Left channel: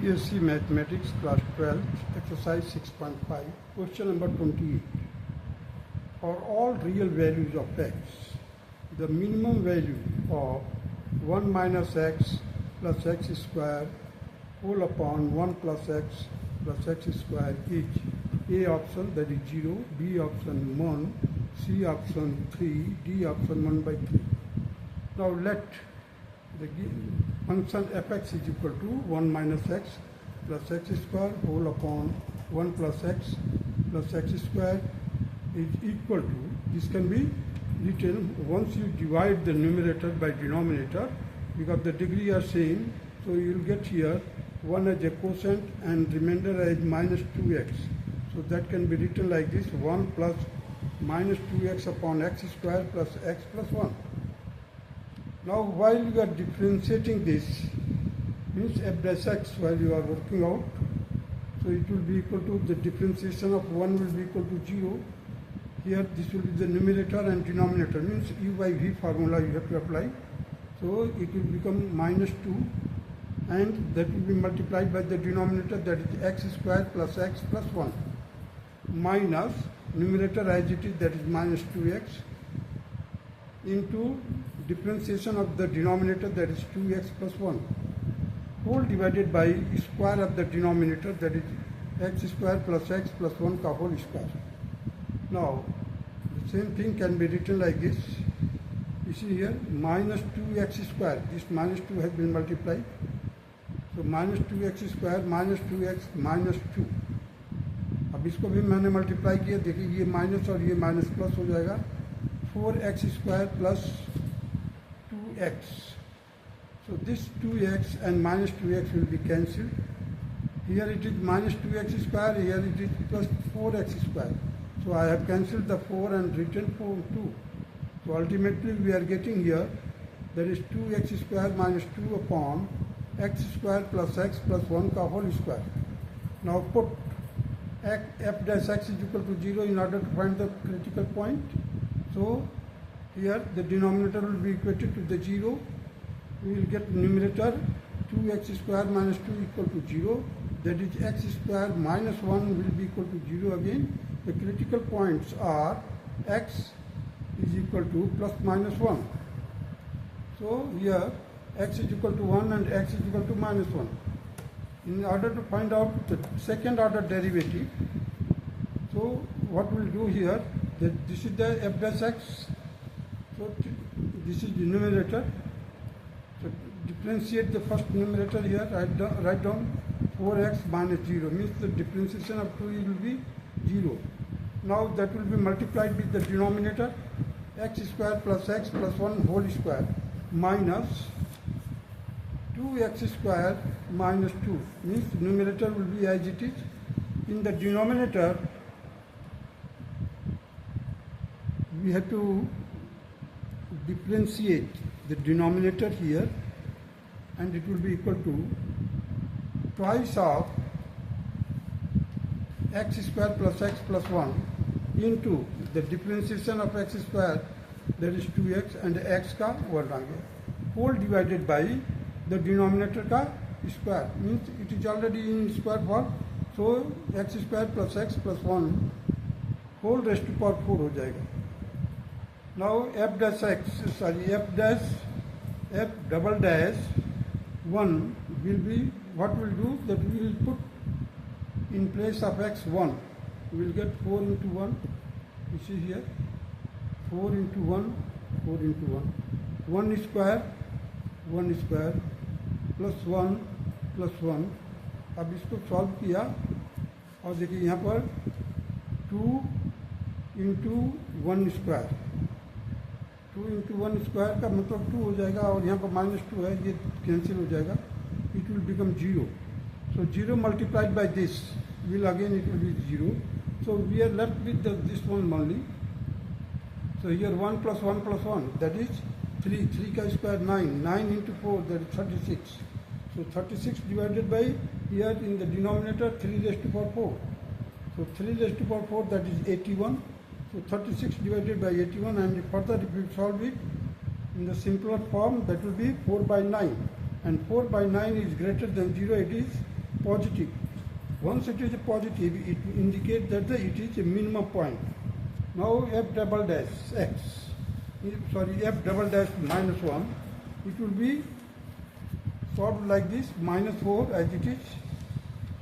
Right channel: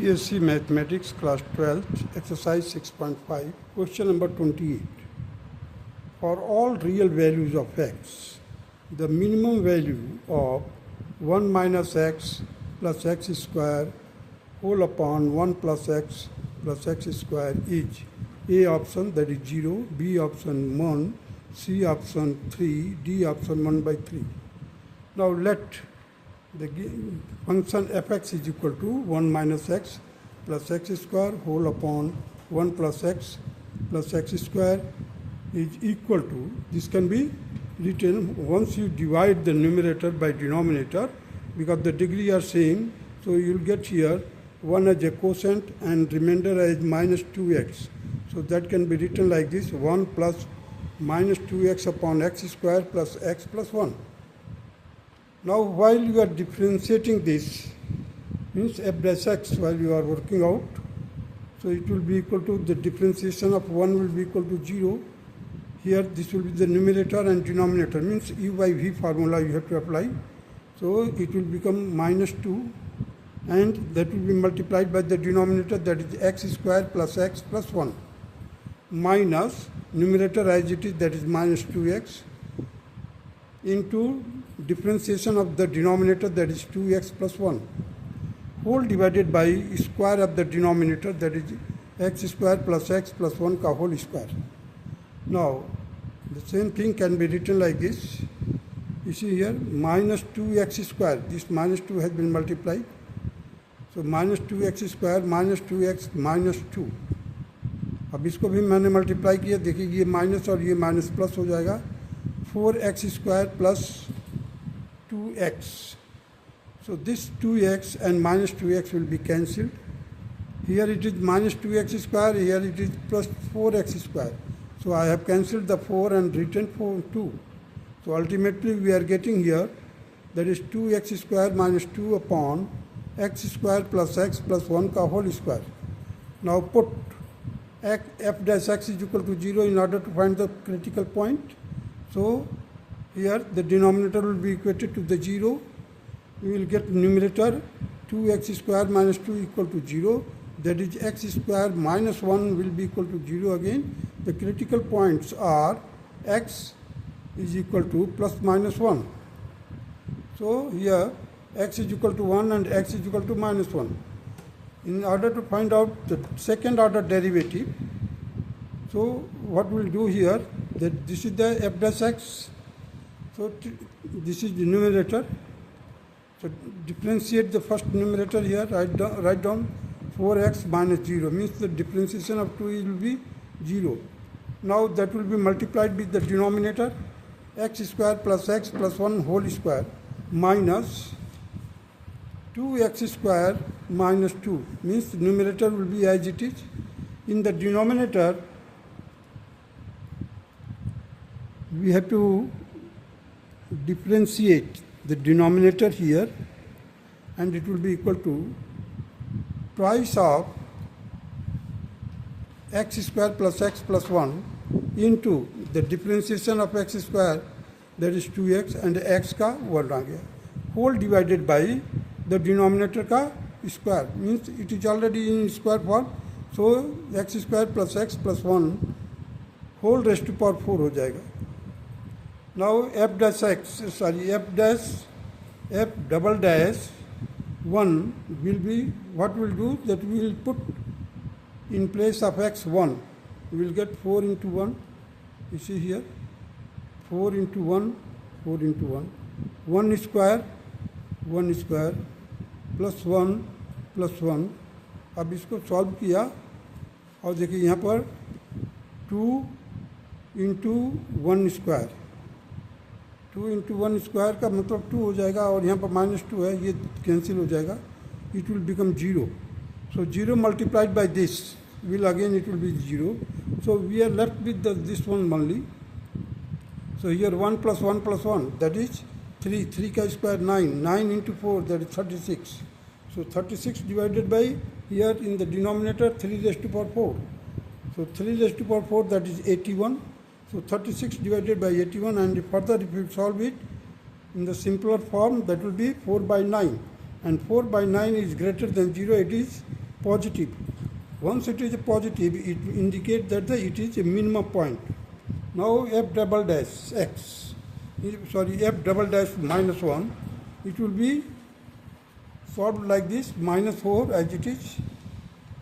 BSc Mathematics Class 12, Exercise 6.5, Question number 28. For all real values of x, the minimum value of 1 minus x plus x square whole upon 1 plus x plus x square is A option, that is 0, B option 1, C option 3, D option 1 by 3. Now let the function fx is equal to 1 minus x plus x square whole upon 1 plus x square is equal to, this can be written once you divide the numerator by denominator, because the degree are same, so you will get here 1 as a quotient and remainder as minus 2x. So that can be written like this: 1 plus minus 2x upon x square plus x plus 1. Now while you are differentiating this, means f dash x while you are working out, so it will be equal to, the differentiation of 1 will be equal to 0. Here this will be the numerator and denominator, means u by v formula you have to apply. So it will become minus 2 and that will be multiplied by the denominator, that is x square plus x plus 1, minus numerator as it is, that is minus 2x, into differentiation of the denominator, that is 2x plus 1, whole divided by square of the denominator, that is x square plus x plus 1 ka whole square. Now the same thing can be written like this. You see here minus 2x square, this minus 2 has been multiplied, so minus 2x square minus 2x minus 2. अब इसको भी मैंने multiply किया, देखिए ये minus और ये minus plus हो जाएगा, 4x square plus 2x. So this 2x and minus 2x will be cancelled. Here it is minus 2x square, here it is plus 4x square. So I have cancelled the 4 and written 2. So ultimately we are getting here, that is 2x square minus 2 upon x square plus x plus 1 ka whole square. Now put f dash x is equal to 0 in order to find the critical point. So here the denominator will be equated to the 0. We will get numerator 2x square minus 2 equal to 0. That is x square minus 1 will be equal to 0 again. The critical points are x is equal to plus minus 1. So here x is equal to 1 and x is equal to minus 1. In order to find out the second order derivative, so what we'll do here, that this is the f dash x, so this is the numerator. So differentiate the first numerator here, write down 4x minus 0, means the differentiation of 2 will be 0. Now that will be multiplied with the denominator, x square plus x plus 1 whole square minus 2x square minus 2, means the numerator will be as it is. In the denominator we have to differentiate the denominator here, and it will be equal to twice of x square plus x plus 1 into the differentiation of x square, that is 2x, and x का 1 आ गया, whole divided by the denominator का square, means it is already in square form. So x square plus x plus 1 whole raised to power 4 हो जाएगा. Now f double dash 1 will be, what we will do, that we will put in place of x 1, we will get 4 into 1, you see here 4 into 1, 4 into 1, 1 square plus 1 plus 1. अब इसको solve किया और देखिए यहाँ पर 2 into 1 square, 2 into 1 square का मतलब 2 हो जाएगा, और यहाँ पर माइनस 2 है, ये कैंसिल हो जाएगा, it will become 0. So 0 multiplied by this will again it will be 0. So we are left with this one only. So here 1 plus 1 plus 1, that is 3, 3 ka square 9, 9 into 4, that is 36. So 36 divided by, here in the denominator 3 raised to power 4. So 3 raised to power 4, that is 81. So 36 divided by 81, and further if you solve it in the simpler form, that will be 4 by 9. And 4 by 9 is greater than 0, it is positive. Once it is positive, it indicates that it is a minimum point. Now f double dash x, f double dash minus 1, it will be solved like this: minus 4 as it is,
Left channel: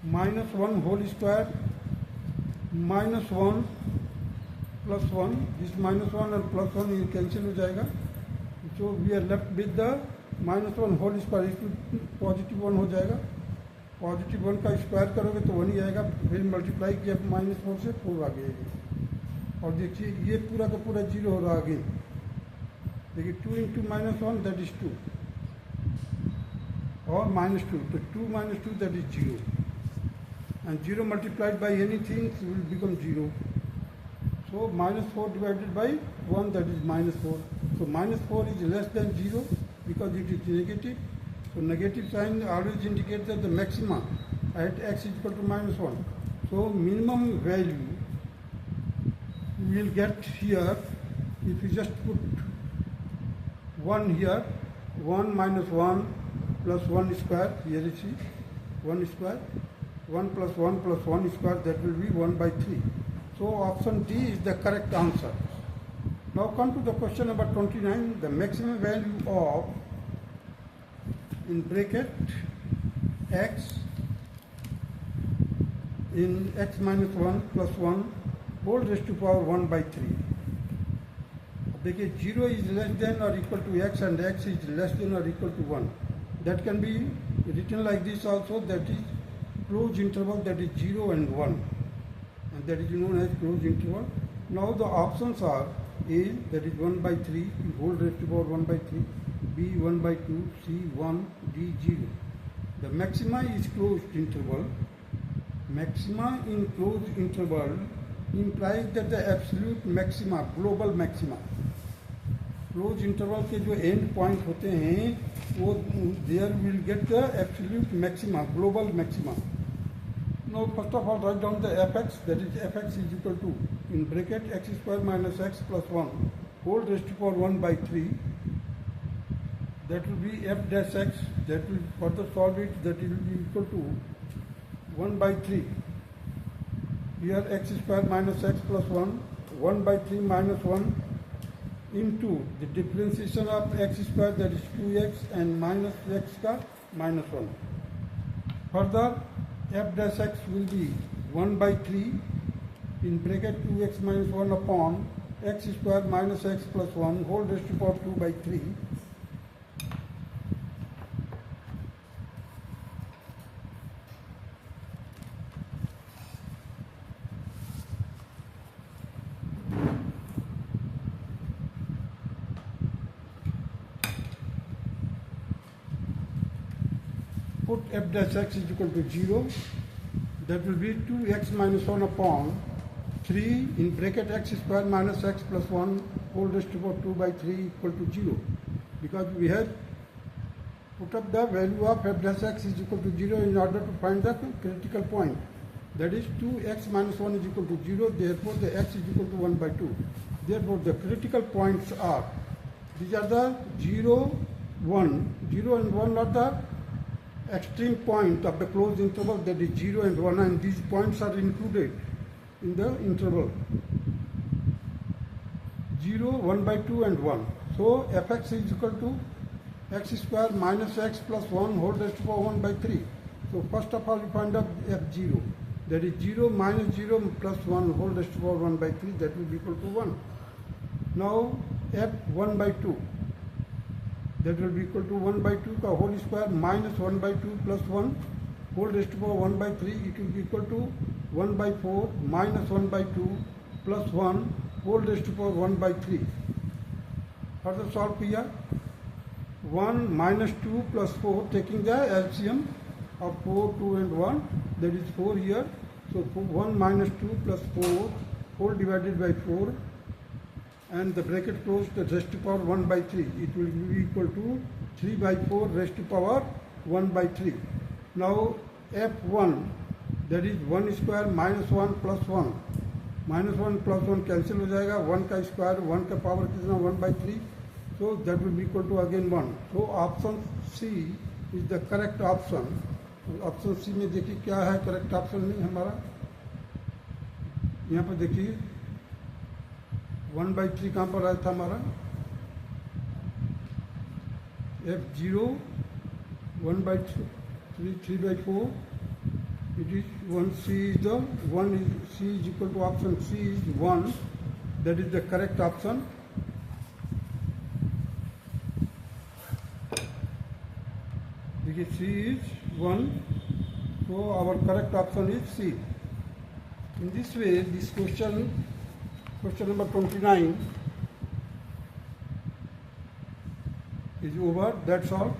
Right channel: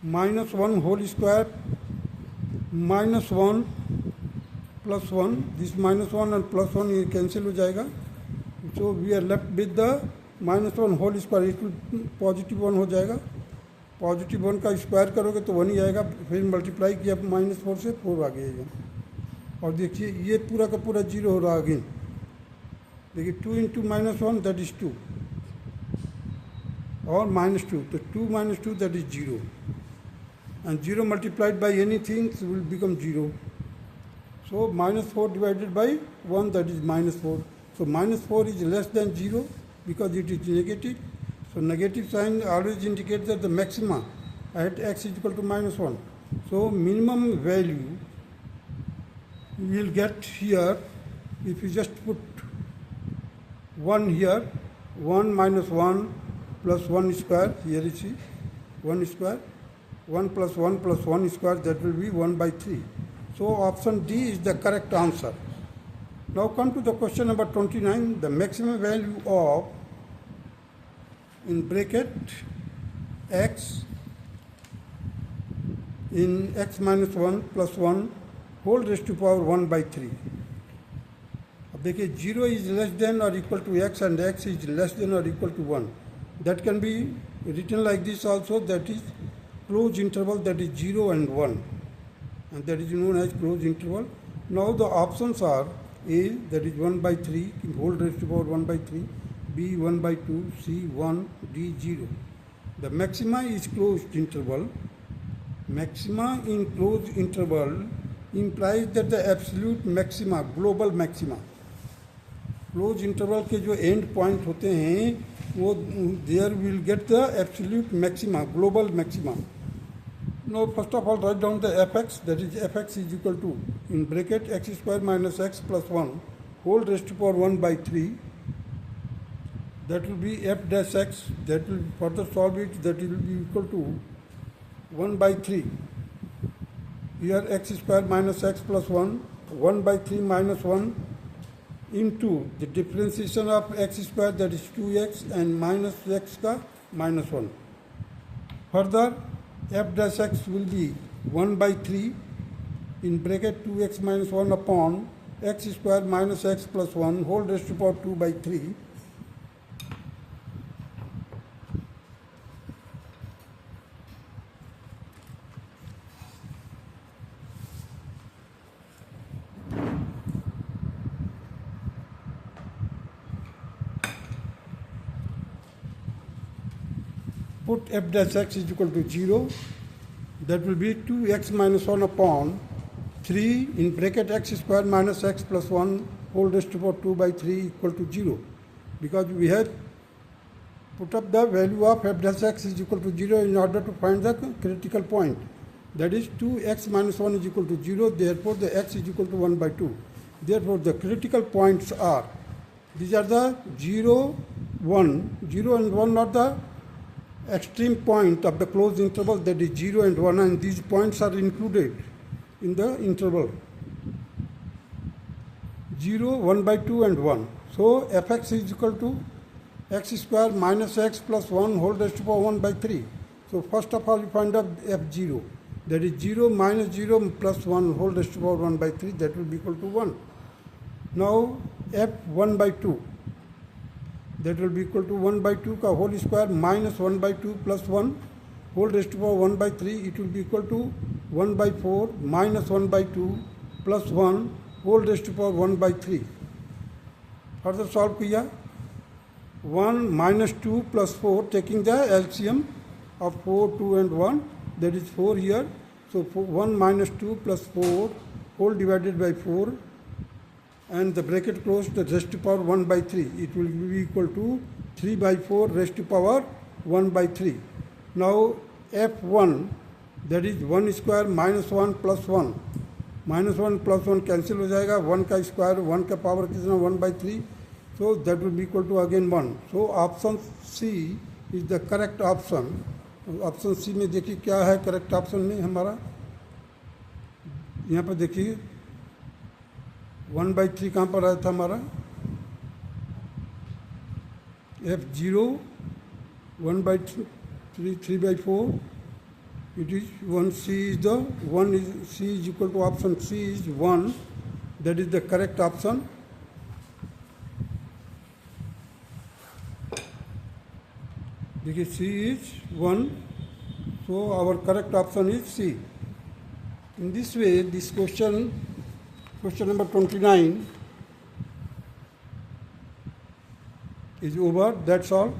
minus 1 whole square, minus 1 plus 1, this minus 1 and plus 1 ये cancel हो जाएगा. So we are left with the minus 1 whole square, it will positive 1 हो जाएगा. Positive 1 का square करोगे तो 1 ही आएगा, फिर मल्टीप्लाई किया माइनस 4 से 4 आ गया. और देखिए ये पूरा का पूरा जीरो हो रहा अगेन. देखिए 2 इंटू माइनस 1 दैट इज 2 और माइनस 2, तो 2 minus 2 that is 0. And 0 multiplied by anything will become 0. So minus 4 divided by 1 that is minus 4. So minus 4 is less than 0 because it is negative. So negative sign always indicates that the maxima at x is equal to minus 1. So minimum value we will get here if you just put 1 here, 1 minus 1 plus 1 square, here you see 1 square, 1 plus 1 square, that will be 1 by 3. So option D is the correct answer. Now come to the question number 29. The maximum value of, in bracket, x in x minus 1 plus 1 whole raised to power 1 by 3. अब देखिए 0 is less than or equal to x and x is less than or equal to 1. That can be written like this also, that is closed interval, that is 0 and 1, and that is known as closed interval. Now the options are A, that is 1 by 3 whole raised to power 1 by 3, B 1 by 2, C 1, D 0. The maxima is closed interval. Maxima in closed interval implies that the absolute maxima, global maxima, close interval के जो end point होते हैं वो there will get the absolute maxima, global maxima. Now first of all write down the fx, that is fx is equal to, in bracket, x square minus x plus 1 whole raised to power 1 by 3. That will be f dash x, that will further solve it, that will be equal to 1 by 3. Here x square minus x plus 1, 1 by 3 minus 1 into the differentiation of x square, that is 2x, and minus x ka minus 1. Further f dash x will be 1 by 3 in bracket 2x minus 1 upon x square minus x plus 1 whole raised to power 2 by 3. Put f dash x is equal to 0, that will be 2x minus 1 upon 3 in bracket x square minus x plus 1 whole raised to power 2 by 3 equal to 0. Because we have put up the value of f dash x is equal to 0 in order to find the critical point. That is 2x minus 1 is equal to 0, therefore the x is equal to 1 by 2. Therefore the critical points are, these are the 0, 1, 0 and 1 are the extreme point of the closed interval, that is 0 and 1, and these points are included in the interval 0, 1 by 2 and 1. So fx is equal to x square minus x plus 1 whole raised to power 1 by 3. So first of all we find out f0, that is 0 minus 0 plus 1 whole raised to power 1 by 3, that will be equal to 1. Now f1 by 2, that will be equal to 1 by 2 का whole square minus 1 by 2 plus 1 whole raised to power 1 by 3, it will be equal to 1 by 4 minus 1 by 2 plus 1 whole raised to power 1 by 3. Further solve किया, 1 minus 2 plus 4, taking the LCM of 4, 2 and 1, that is 4 here. So 1 minus 2 plus 4 whole divided by 4, and the bracket closed, the raised to power 1 by 3. It will be equal to 3 by 4 raised to power 1 by 3. Now f1, that is 1 square minus 1 plus 1. Minus 1 plus 1 cancel हो जाएगा, 1 का square, 1 का power कितना 1 by 3. So that will be equal to again 1. So option C is the correct option option C में देखिए क्या है correct option में हमारा, यहाँ पर देखिए 1/3 कहाँ पर आया था हमारा, F0 1/3 3/4, it is 1, C is the 1 is C is equal to option C is 1, that is the correct option. देखिए C is 1, so our correct option is C. In this way, this question number 29 is over. That's all.